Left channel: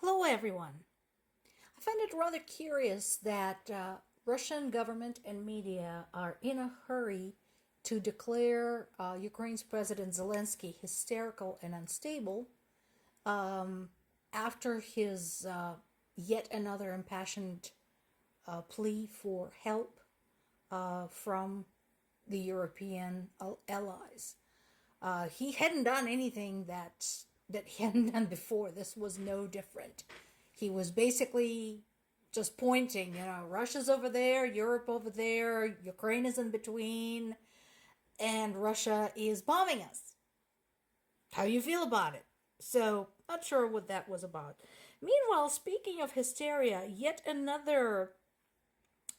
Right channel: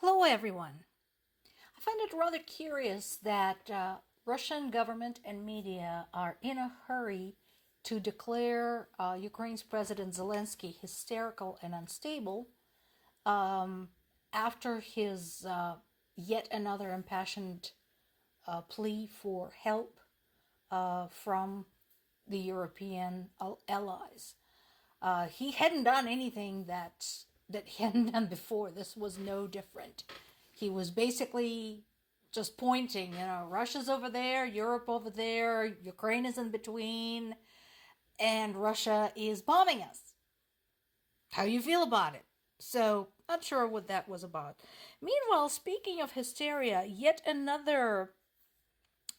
Hello, everyone. I find it rather curious that Russian government and media are in a hurry to declare Ukraine's President Zelensky hysterical and unstable after his yet another impassioned plea for help from the European allies. He hadn't done anything that he hadn't done before. This was no different. He was basically just pointing, Russia's over there, Europe over there, Ukraine is in between, and Russia is bombing us. How do you feel about it? So, not sure what that was about. Meanwhile, speaking of hysteria, yet another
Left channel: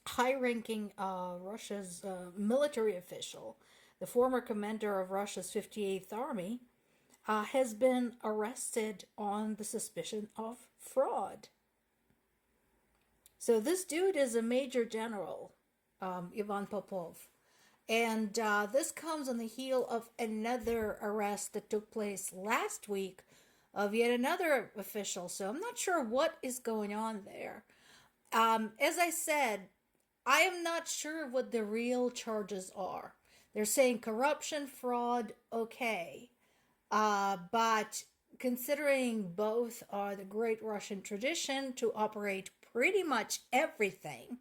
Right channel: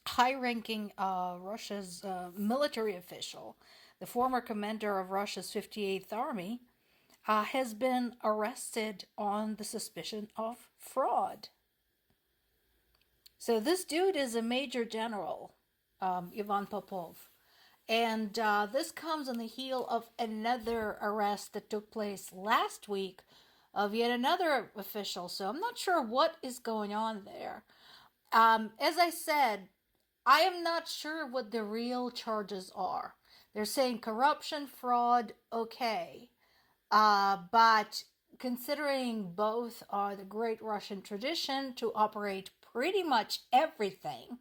high-ranking Russia's military official, the former commander of Russia's 58th Army, has been arrested on the suspicion of fraud. So this dude is a major general, Ivan Popov. And this comes on the heel of another arrest that took place last week of yet another official. So I'm not sure what is going on there. As I said, I am not sure what the real charges are. They're saying corruption, fraud, okay. But considering both are the great Russian tradition to operate pretty much everything,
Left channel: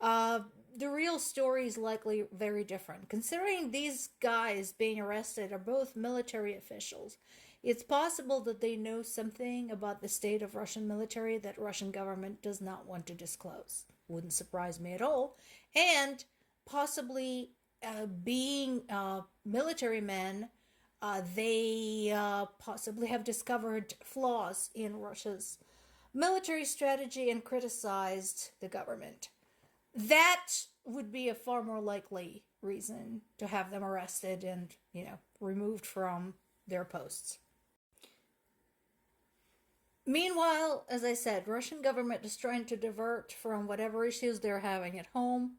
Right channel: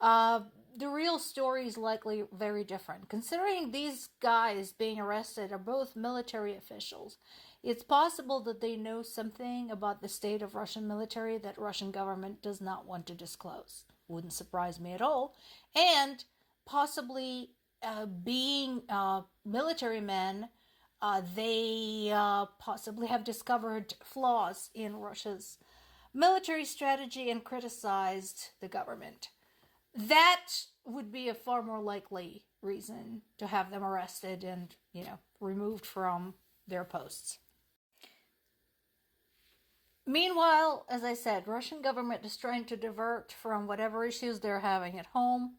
the real story is likely very different. Considering these guys being arrested are both military officials, it's possible that they know something about the state of Russian military that Russian government does not want to disclose. Wouldn't surprise me at all. And possibly being military men, they possibly have discovered flaws in Russia's military strategy and criticized the government. That would be a far more likely reason to have them arrested and, removed from their posts. Meanwhile, as I said, Russian government is trying to divert from whatever issues they're having at home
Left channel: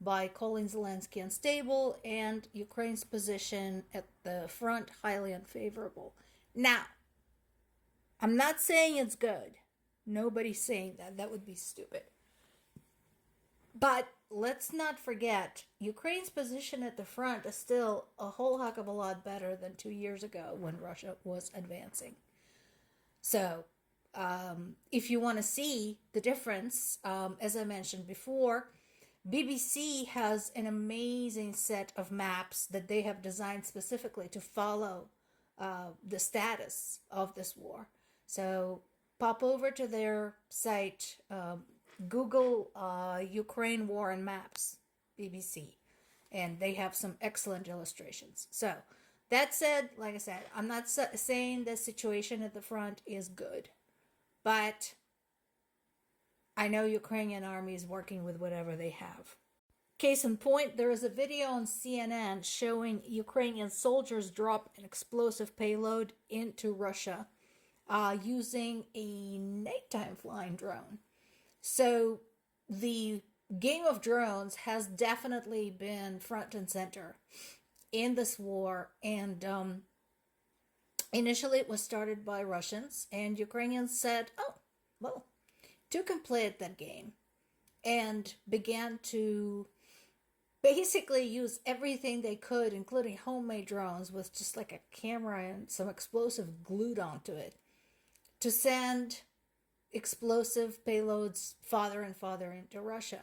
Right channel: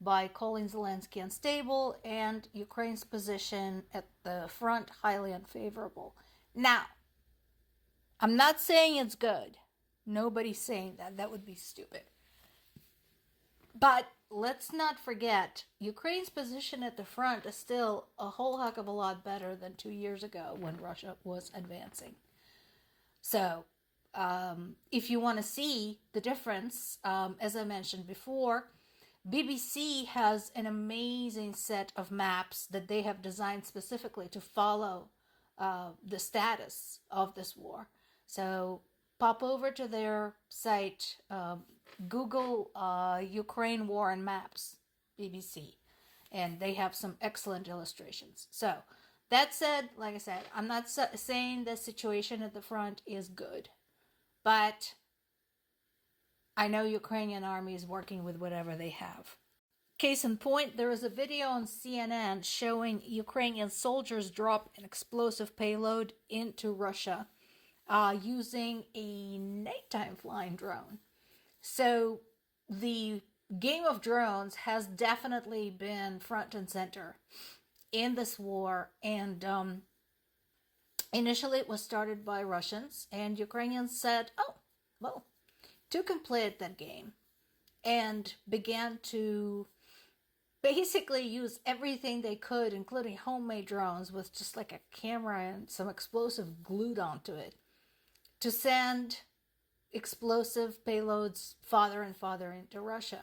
by calling Zelensky unstable and Ukraine's position at the front highly unfavorable. Now, I'm not saying it's good. Nobody's saying that. That would be stupid. But let's not forget, Ukraine's position at the front is still a whole heck of a lot better than 2 years ago when Russia was advancing. So, if you want to see the difference, as I mentioned before, BBC has an amazing set of maps that they have designed specifically to follow the status of this war. So pop over to their site, Google Ukraine War and Maps, BBC, and they have some excellent illustrations. So that said, like I said, I'm not saying the situation at the front is good, but I know Ukrainian army is working with whatever they have. Case in point, there is a video on CNN showing Ukrainian soldiers drop an explosive payload into Russia using a nighttime flying drone. So the game of drones has definitely been front and center in this war. And initially it was started by Russians, and Ukrainians said, oh, well, took and played that game and began to basically use everything they could, including homemade drones with just like a camera and some explosive glued onto it, to send explosive payloads farther and farther into Russia.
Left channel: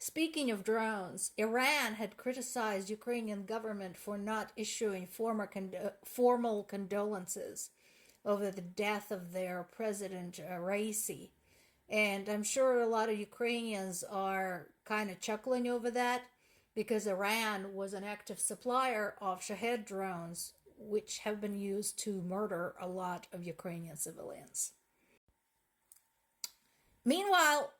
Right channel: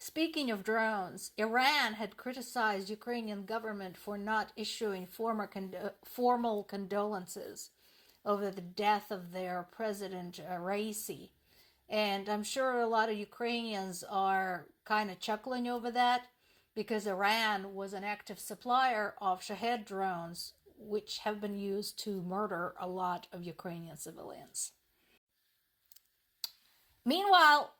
Speaking of drones, Iran had criticized Ukrainian government for not issuing formal condolences over the death of their president, Raisi. And I'm sure a lot of Ukrainians are kind of chuckling over that because Iran was an active supplier of Shahed drones, which have been used to murder a lot of Ukrainian civilians. Meanwhile,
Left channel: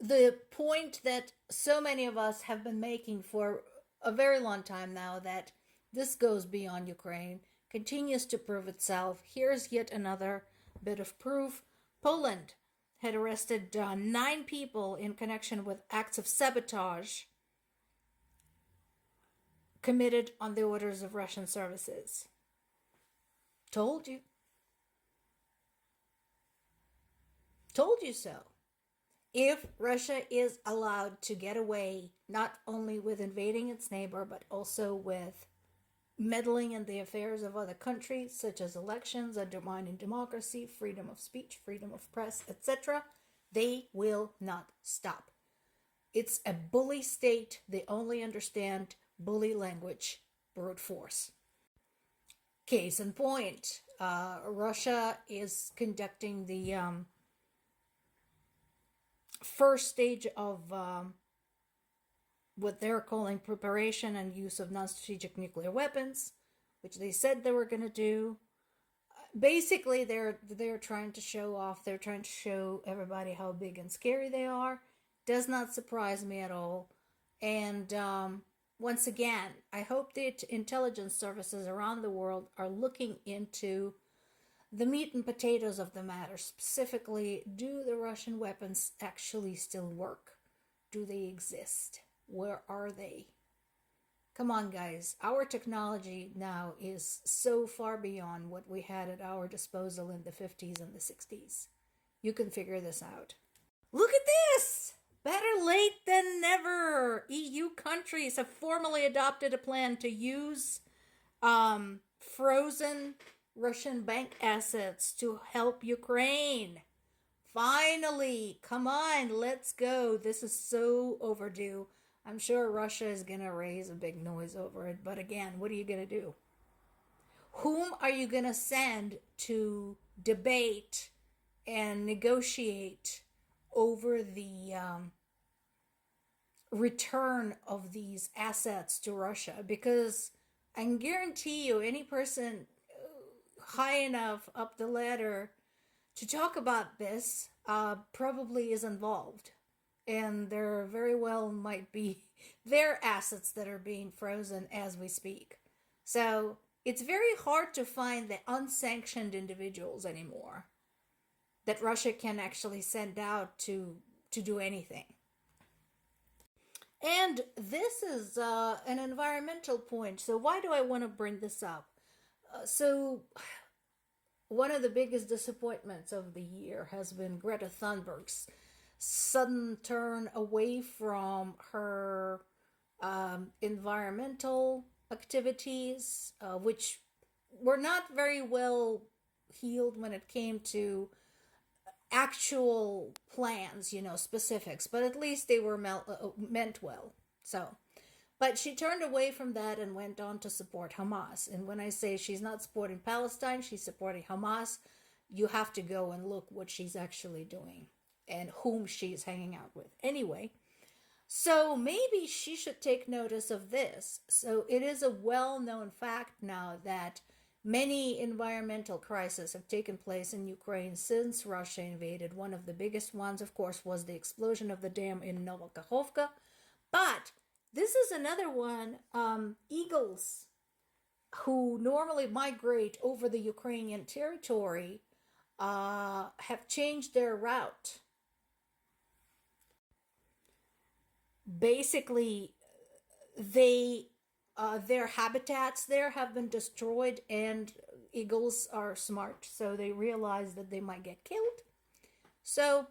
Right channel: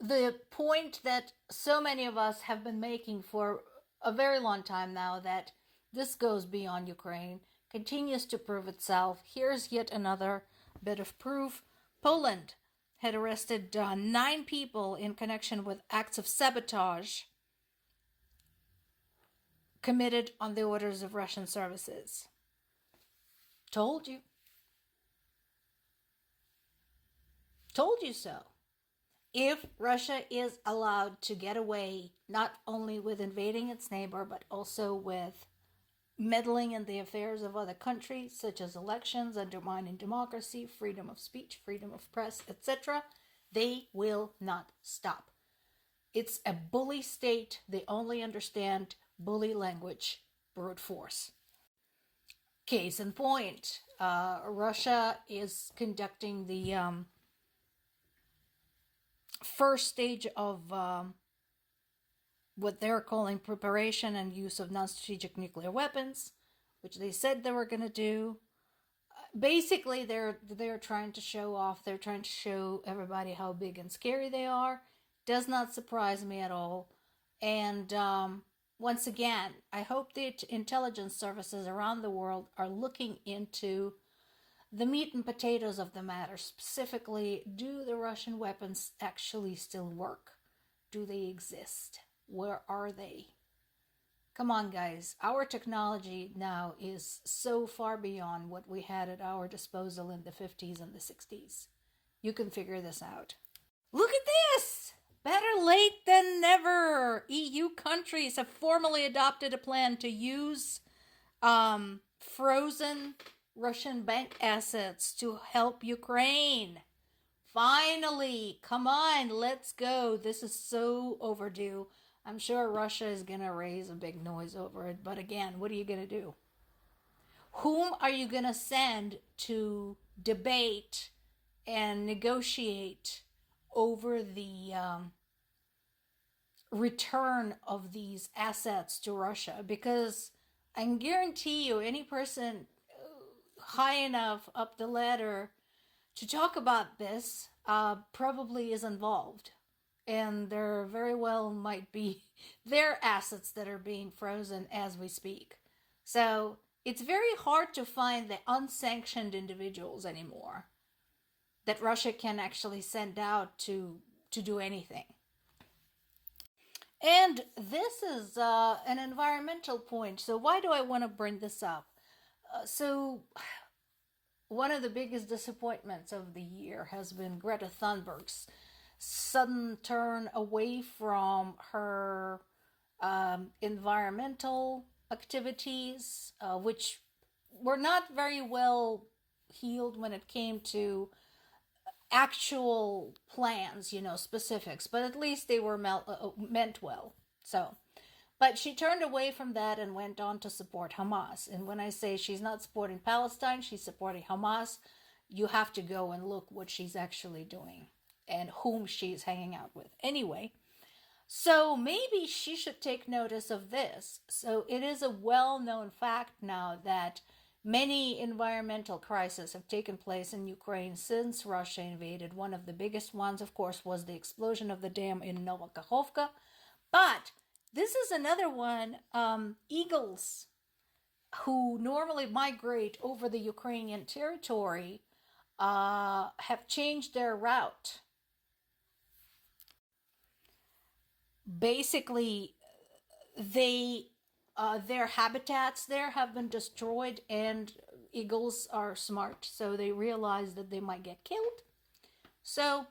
the point that so many of us have been making for a very long time now, that this goes beyond Ukraine, continues to prove itself. Here's yet another bit of proof. Poland had arrested 9 people in connection with acts of sabotage committed on the orders of Russian services. Told you. told you so. If Russia is allowed to get away not only with invading its neighbor, but also with meddling in the affairs of other countries, such as elections, undermining democracy, freedom of speech, freedom of press, etc., they will not stop. It's a bully state. They only understand bully language, brute force. Case in point, Russia is conducting the first stage of what they're calling preparation and use of non-strategic nuclear weapons, which they said they were going to do. Basically, they're trying to show off. They're trying to show everybody how big and scary they are. Does not surprise me at all. And once again, I hope the intelligence services around the world are looking into the meat and potatoes of the matter. Specifically, do the Russian weapons actually still work? Do they exist? Where are they? Come on, guys. Our technology now is so far beyond what we had at our disposal in the 50s and the 60s. You can figure this out. Look at this! Better late than never! EU countries have formally adopted a plan to use frozen Russian bank assets to help Ukraine. Finally! Come on, let's go. This is so overdue. I'm sure Russia is going to raise a big noise over it. But again, what are you going to do? Whom are you going to send to debate and negotiate over the return of these assets to Russia? Because I can guarantee you, any person high enough up the ladder to talk about this probably is involved. And there very well might be their assets that are being frozen as we speak. So it's very hard to find the unsanctioned individuals anymore that Russia can actually send out to do anything. And this is an environmental point. So why do I want to bring this up? So one of the biggest disappointments of the year has been Greta Thunberg's sudden turn away from her environmental activities, which were not very well healed when it came to actual plans, specifics, but at least they were meant well. So, but she turned away from that and went on to support Hamas. And when I say she's not supporting Palestine, she's supporting Hamas, you have to go and look what she's actually doing and whom she's hanging out with. Anyway, so maybe she should take notice of this. So it is a well-known fact now that many environmental crises have taken place in Ukraine since Russia invaded. One of the biggest ones, of course, was the explosion of the dam in Novokakhovka. But this is another one. Eagles, who normally migrate over the Ukrainian territory, have changed their route. Basically, their habitats there have been destroyed, and eagles are smart, so they realize that they might get killed. So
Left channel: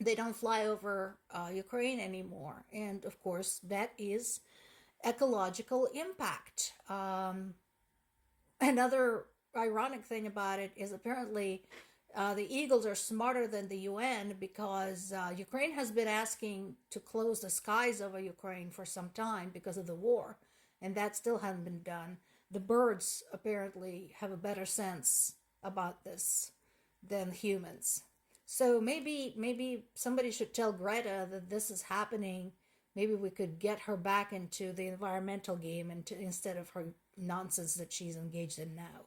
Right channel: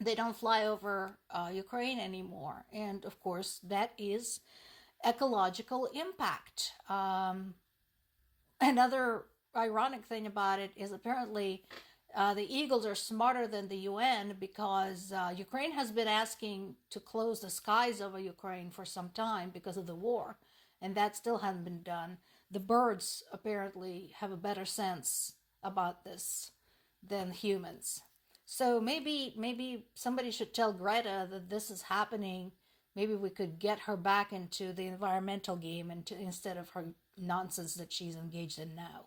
they don't fly over Ukraine anymore. And of course, that is ecological impact. Another ironic thing about it is apparently the eagles are smarter than the UN, because Ukraine has been asking to close the skies over Ukraine for some time because of the war, and that still hasn't been done. The birds apparently have a better sense about this than humans. So maybe somebody should tell Greta that this is happening. Maybe we could get her back into the environmental game instead of her nonsense that she's engaged in now.